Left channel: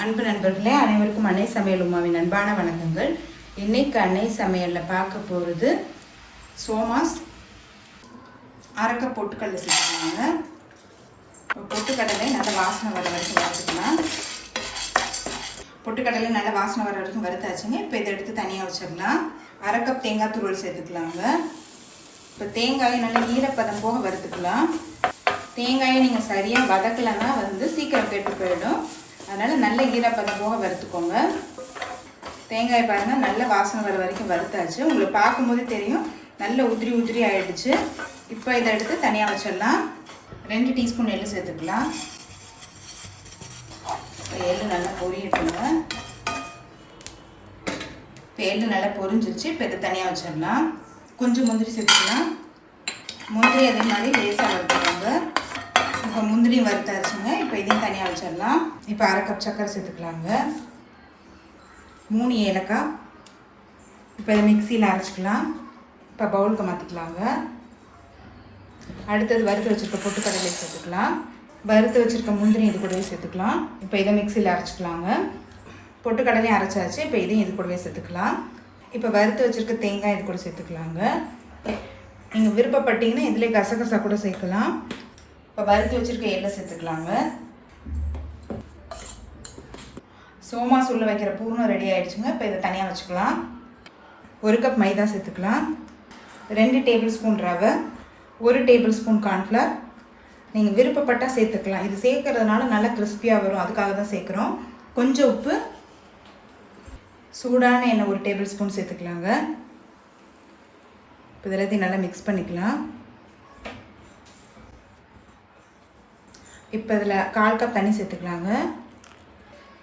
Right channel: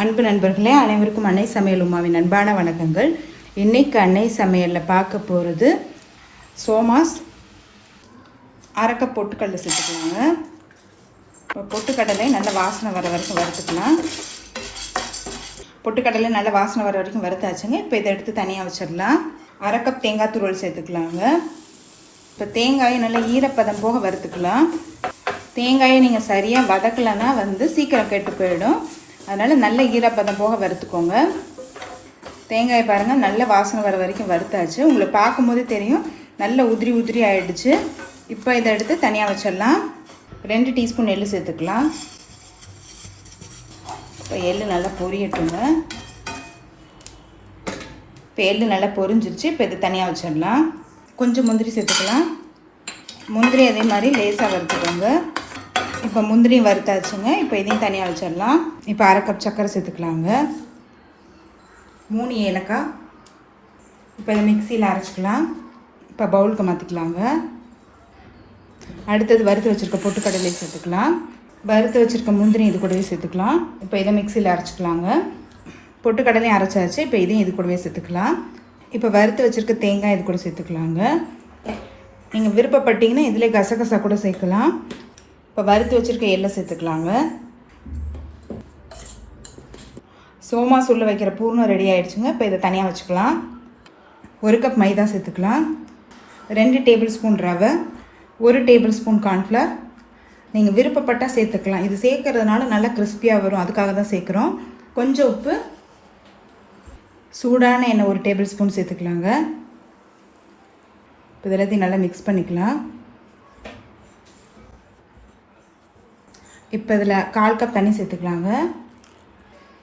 அன்பு நண்பர்களே, அனைவருக்கும் அன்னை சமையல் உமாவின் அன்பான வணக்கங்கள். இன்னைக்கு அன்னை சமையலில் பார்க்க போகிறது சோமாஸ். அரைக்க பொட்டுக்கடலை சேர்த்துக்கலாங்க. இப்போ பொட்டுக்கடலை நல்லா வாசனை வர வரைக்கும் வறுத்துக்கலாம். பொட்டுக்கடலை நல்லா வாசனை வர வரைக்கும் வறுத்தாச்சுங்க. இப்போ இதை எடுத்து தனியாக வச்சிடலாம். அரை கப் தேங்காய் துருவல் சேர்த்துக்கலாங்க. இப்போ தேங்காயை நல்லா ஈரப்பதம் போக வறுத்துக்கலாம். தேங்காயை நீங்கள் சரியாக வதக்கலைன்னா சீக்கிரம் கெட்டு போயிடும். அதனால் நல்ல ஈரப்பதம் போக வறுத்துக்கோங்க. தேங்காய் பாருங்கள் நல்ல வாசனை வர வரைக்கும் வறுத்தாச்சு. உங்களுக்கு பார்க்கும்போது தெரியும் நல்ல உதிரி உதிரி ஆகிடுச்சு. இப்போ இதை எடுத்து தனியாக வச்சிடலாம். 2 டீஸ்பூன் எள்ளு சேர்த்துக்கலாம். இப்போ எள்ளு நல்லா பொரியட்டுங்க. இப்போ எள்ளு நல்லா பொரிஞ்சிருச்சு. இப்போ இதை தனியாக வச்சிடலாம். கொஞ்சம் முந்திரி சேர்த்துக்கலாம். முந்திரி அதே மாதிரி லேசாக வறுத்துக்கோங்க. இப்போ முந்திரியும் வறுத்தாச்சுங்க. இப்போ இதையும் தனியாக வச்சிடலாம். இப்போ அரை கப் சர்க்கரை சேர்த்துக்கலாங்க. 3 ஏலக்காய். இப்போ இதை மிக்சியில் அரைச்சிக்கலாம். இப்போ பவுலுக்கு மாற்றிக்கலாங்க. அடுத்தது வறுத்து வச்சுருக்க பொட்டுக்கடலை சேர்த்துக்கலாம். வறுத்து வச்சுருக்க முந்திரி இது கூடவே சேர்த்துக்கலாம். இப்போ இதை மிக்சியில் அரைச்சிக்கலாங்க. பொட்டுக்கடலையும் அரைச்சாச்சு. இப்போ இதையும் இது கூடவே சேர்த்துக்கலாம். இப்போ வறுத்து வச்சுருக்க தேங்காய் இது கூட சேர்த்துக்கலாங்க. நீங்கள் விருப்பப்பட்டீங்கன்னா இதில் கசகசா கூட சேர்க்கலாம். இப்போ வறுத்து வச்சுருக்க எள்ளை சேர்த்துக்கலாங்க. சோமாஸ் உள்ள வைக்கிற பூர்ணம் ரெடி ஆகிடுச்சுங்க. இப்போ இதை தனியாக வச்சுக்கலாம். 1 கப் மைதா சேர்த்துக்கலாம். 2 டேபிள் ஸ்பூன் ரவை, 1 டேபிள் ஸ்பூன் கார்ன்ஃப்ளவர். நீங்கள் விருப்பப்பட்டால் சேர்த்துக்கலாம். இது சேர்க்கறதுனால நல்லா கிறிஸ்பியாக வரும், அதுக்காக தான் சேர்க்குறோம். கொஞ்சம் உப்பு, சூடான எண்ணெய் 1 டேபிள் ஸ்பூன் சேர்த்துக்கலாங்க. இப்போ இதெல்லாத்தையும் நல்லா மிக்ஸ் பண்ணிக்கலாம். இப்போ இதில் 1/4 கப் தண்ணி சேர்த்துக்கலாங்க.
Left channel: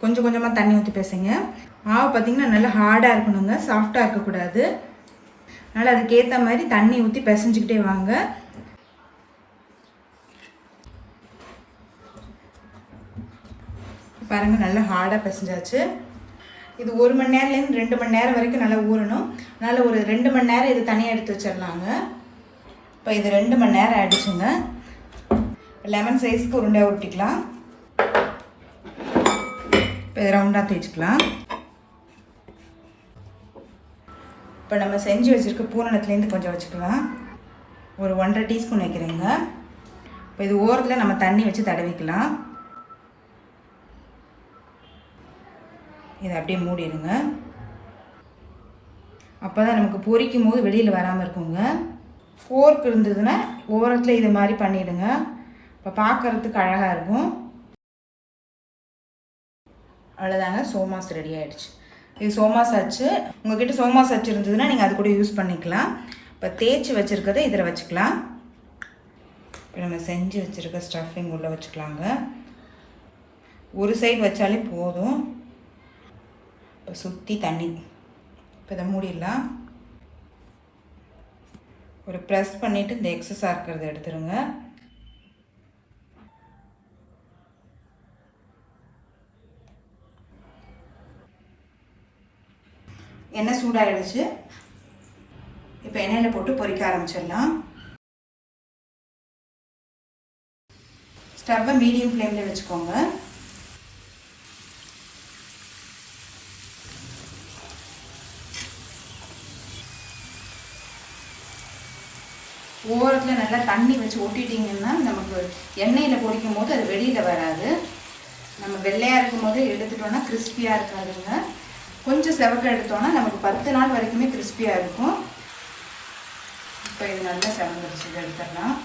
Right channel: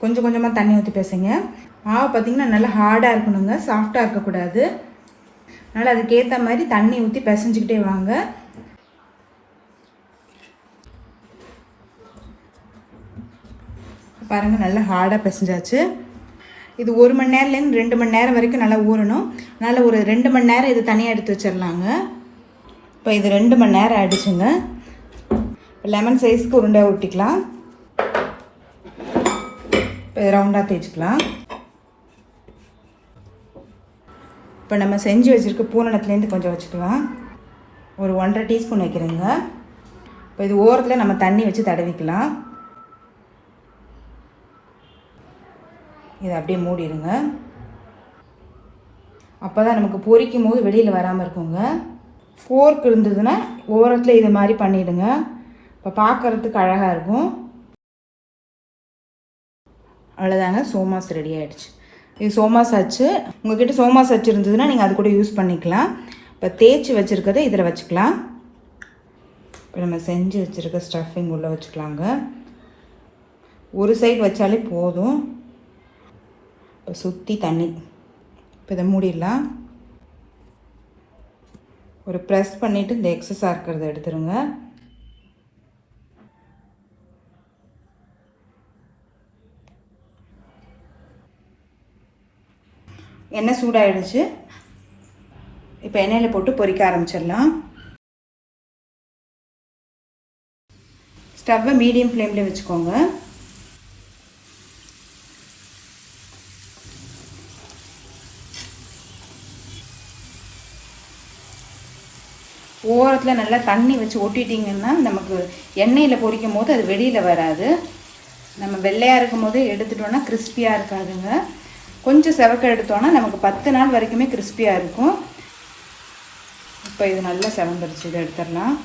கொஞ்சம் கொஞ்சமாக தண்ணி ஊற்றி பேசுங்க. மாவு பார்த்திங்கன்னா நல்லா ஹார்டாக இருக்கணுங்க, சாஃப்டாக இருக்கக்கூடாது. அதனால் அதுக்கேற்ற மாதிரி தண்ணி ஊற்றி பிசைஞ்சிக்கிட்டே வாங்க. பாருங்கள் நல்லா ஹார்டாக பிசைஞ்சாச்சு. இது 1 மணி நேரத்துலேருந்து 2 மணி நேரம் வரைக்கும் நல்லா ஊறணும். அதனால் ஒரு 2 மணி நேரம் இது தனியாக எடுத்து வச்சிடலாங்க. இப்போ இது 2 மணி நேரம் ஆகிடுச்சுங்க. லெமன் சைஸ்க்கு உருண்டையாக ஊற்றிக்கலாம். இப்போ ரவுண்டாக தேய்ச்சிக்கலாம். இப்போ நம்ம செஞ்சு வச்சுருக்க பூரணத்துலேருந்து கொஞ்சம் வச்சுக்கலாம். ஒரு 1.5 டீஸ்பூன் வைக்கிறேங்க. இப்போ இது ஓரத்தில் நம்ம தண்ணி வச்சு தடவிக்கலாம். இதை அப்படியே மூடிடுங்க. அப்போ தான் நமக்கு பொரிக்கும் போது வெளியில் வராமல் இருக்குங்க. ஃபோர்க் இருந்ததுன்னா ஓரத்தில் இதை மாதிரி பண்ணிவிடுங்க. இப்போ பார்க்குறதுக்கு அழகாக இருக்கும். அவ்வளோதாங்க, சோமாஸ் ரெடி ஆகிடுச்சு. இது சோமாஸ் ஆச்சு. உங்கள்கிட்ட சோமாஸ் ஆச்சு இருந்ததுன்னா நீங்கள் அது கூட யூஸ் பண்ணிக்கலாம். இப்போ தேய்ச்சி வச்சுருக்கதை இதில் வச்சுக்கலாம். இப்போ நம்ம செஞ்சு வச்சுருக்க ஸ்டஃபிங் உள்ளே வச்சுக்கலாங்க. ஒரு சைடு வச்சாலே போதும். இப்போ சுற்றி தண்ணி. இப்போ இதை மூடிடலாம். ஒரு ப்ரெஸ் பண்ணிவிட்டு இந்த எக்ஸஸாக இருக்கிறத எடுத்துருங்க. எண்ணெய் சூடாகிடுச்சு. இப்போ எண்ணெயில் போட்டு பொரிக்க ஆரம்பிச்சிடலாம். ஸ்டவ்வை மீடியம் ஃப்ளேமில் வச்சுக்கோங்க. ஓரத்தில் நல்லா தண்ணி வச்சு ஒட்டிட்டிங்கன்னா நமக்கு எண்ணெயில் பொரிக்கும் போது அது வெளியில் வராது. நம்ம வெள்ளையாக இருக்கும் போது எடுத்துட்டோன்னா கிறிஸ்பியாக இருக்காதுங்க. கொஞ்சம் செவக்க எடுத்தோன்னா நமக்கு 10 நாள் வரைக்குமே கிறிஸ்பியாக இருக்கும். இப்போ இது நல்லா செவந்துடுச்சு. இதை எடுத்துடலாம்.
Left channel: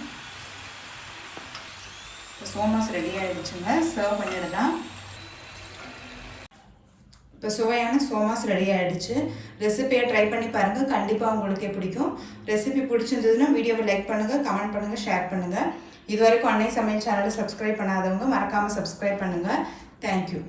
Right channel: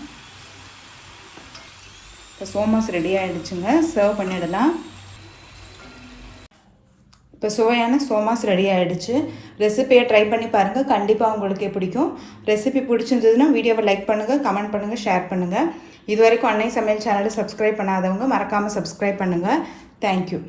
இப்போ சோமாஸ் ரெடி ஆகிடுச்சுங்க. சர்வ் பண்ணிடலாம். இப்போ சுவையான சோமாஸ் ரெடி ஆகிடுச்சு. ரெசிபியை ட்ரை பண்ணி பாருங்கள். கண்டிப்பாக உங்களுக்கே பிடிக்கும். ரெசிபி பிடிச்சிருந்ததுன்னா வீடியோவை லைக் பண்ணுங்கள், கமெண்ட் பண்ணுங்கள், ஷேர் பண்ணுங்கள். இது வரைக்கும் அன்னை சமையல் சேனலை சப்ஸ்கிரைப் பண்ணாதவங்க மறக்காமல் சப்ஸ்கிரைப் பண்ணுங்கள். தேங்க்யூ.